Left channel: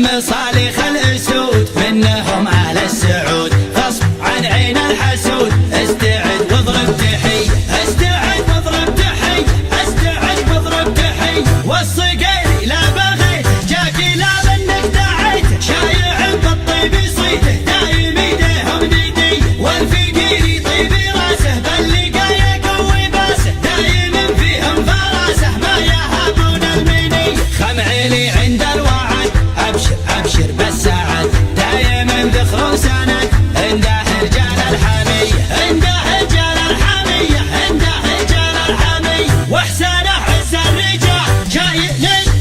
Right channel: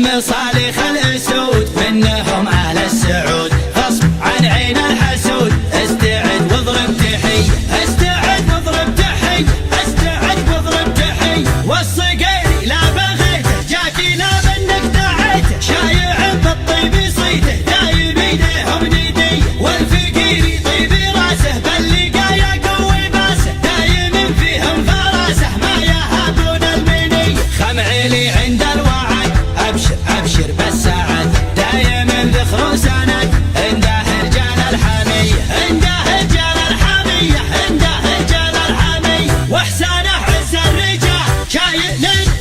والمصالح الاسود منهم اهل السعود، غصب عن عين الحسود. استعد واضرب تحية، استعد واضرب تحية، استعد واضرب تحية. والصقيري لا بغيته جاكي لا بانك دعيته، شايع بالطيب يصيده دايم ايديهم ندية. والفقير يطيب راسه باللقايا قوي باسه، دايم فيهم فراسه ما يهابون المنية. خمعيلي عند الوعد ابشر ابشر بالسعد، دايم ذخر وسند عنده رجال الحمية، عنده رجال الحمية، عنده رجال الحمية. واحسانه عز الرجال شايل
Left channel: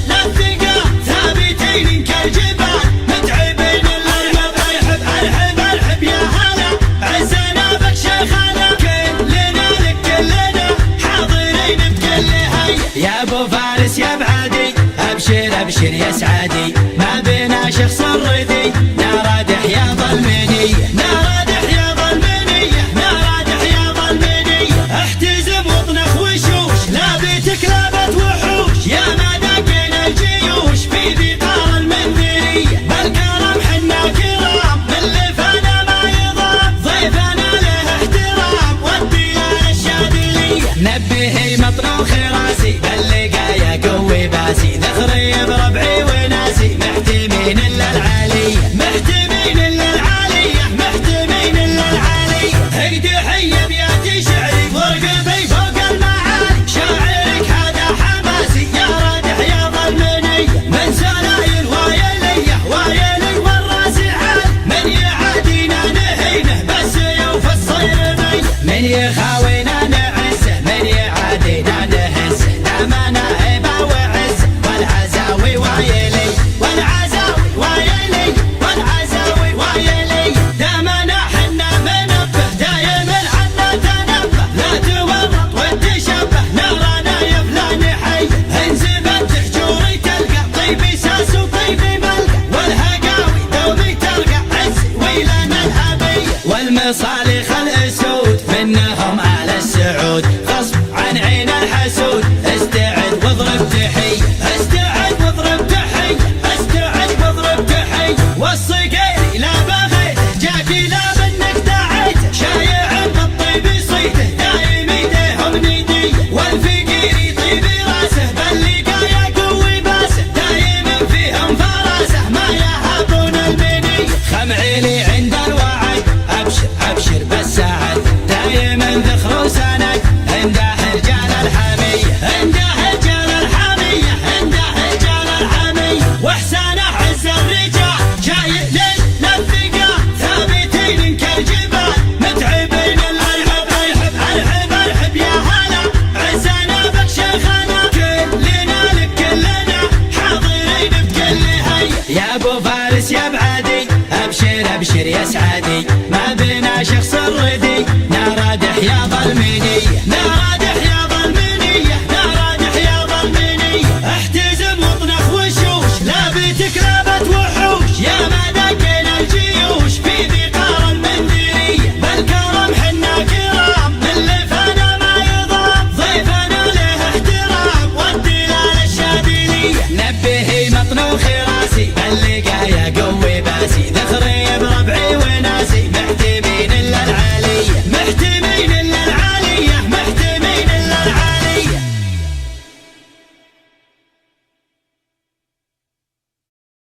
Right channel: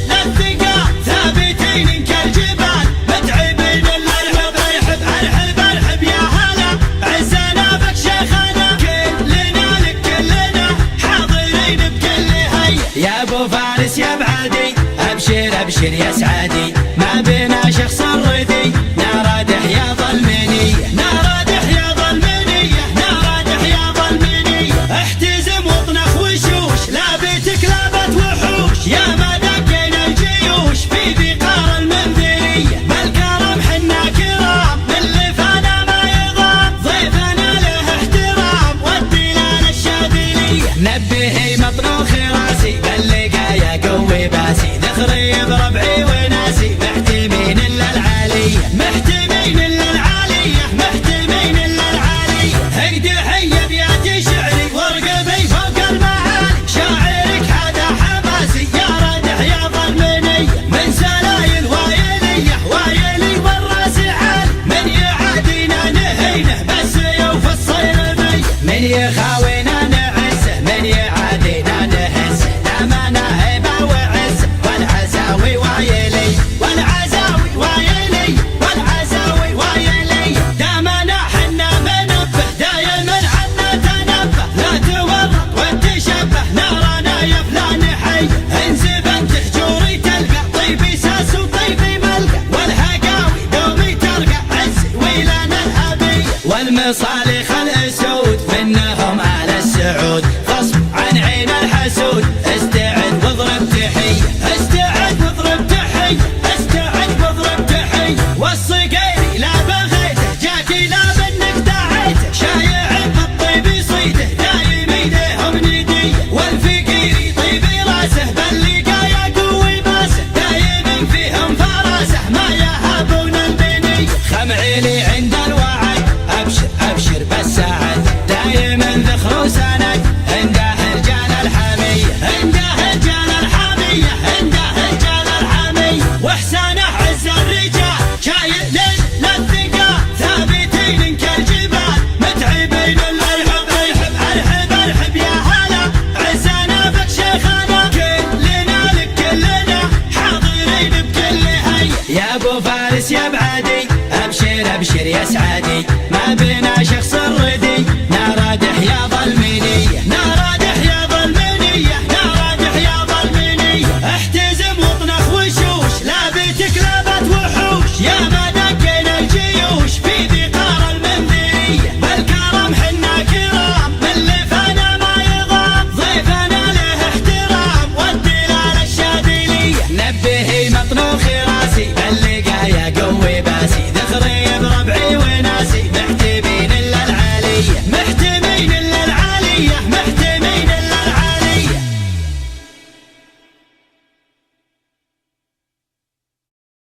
للثقال، ثابتين كالجبال متعبين الارهب. ارحب ارحب ارحب يا هلا، عزنا بك شيخنا، كلنا لك كلنا حاضرين بكل هيئة. يا ابو فارس يا بعدي ابشر ابشر يا سعدي، ما بينا شخص ردي، نار حياض المنية، نار حياض المنية، نار حياض المنية. احتزم واطنخ وشوش، لابتك لابت وحوش، يا ما دقينا الجيوش في بقار المنذرية. بالكرم حنا كرام من لفانا ما يضام، ضيفنا له احترام والدلال الشاذلية. نبهي مطروخ راسي باللقايا قوي باسي، ذخري بربعي وناسي محتمين الا العالية، محتمين الا العالية، محتمين الا العالية. اقدي حية بياتي شعري وارقبي فوق المعالي، شاعرك هذا حماسي يا راد حياض المنية. من سلايل وايلية وايلي والراس عالي، من يعادينا نهينه بالسيوف الصيرمية. من يخاوينا نعزه، من يعادينا نهزه، دامنا هيبة وعزه. والعزاوي وايلي، والعزاوي وايلي، والعزاوي وايلي. دامنا حنا منبه دايما عنا تنبه، لا تورط وتشبه نارنا يا فلان حي. انزب انت حجوري تلقى طيبي ساس وطيبي ملقى، والهقاوي دومي تلقى عزي ويلنا الابية. والمصالح الاسود منهم اهل السعود، غصب عن عين الحسود. استعد واضرب تحية، استعد واضرب تحية، استعد واضرب تحية. والصقيري لا بغيته جاكي لا بانك دعيته، شايع بالطيب يصيده دايم ايديهم ندية. والفقير يطيب راسه باللقايا قوي باسه، دايم فيهم فراسه ما يهابون المنية. خمعيلي عند الوعد ابشر ابشر بالسعد، دايم ذخر وسند عنده رجال الحمية، عنده رجال الحمية، عنده رجال الحمية. واحسانه عز الرجال شايل للثقال، ثابتين كالجبال متعبين الارهب. ارحب ارحب ارحب يا هلا، عزنا بك شيخنا، كلنا لك كلنا حاضرين بكل هيئة. يا ابو فارس يا بعدي ابشر ابشر يا سعدي، ما بينا شخص ردي، نار حياض المنية، نار حياض المنية، نار حياض المنية. احتزم واطنخ وشوش، لابتك لابت وحوش، يا ما دقينا الجيوش في بقار المنذرية. بالكرم حنا كرام من لفانا ما يضام، ضيفنا له احترام والدلال الشاذلية. نبهي مطنوخ راسي باللقايا قوي باسي، ذخري بربعي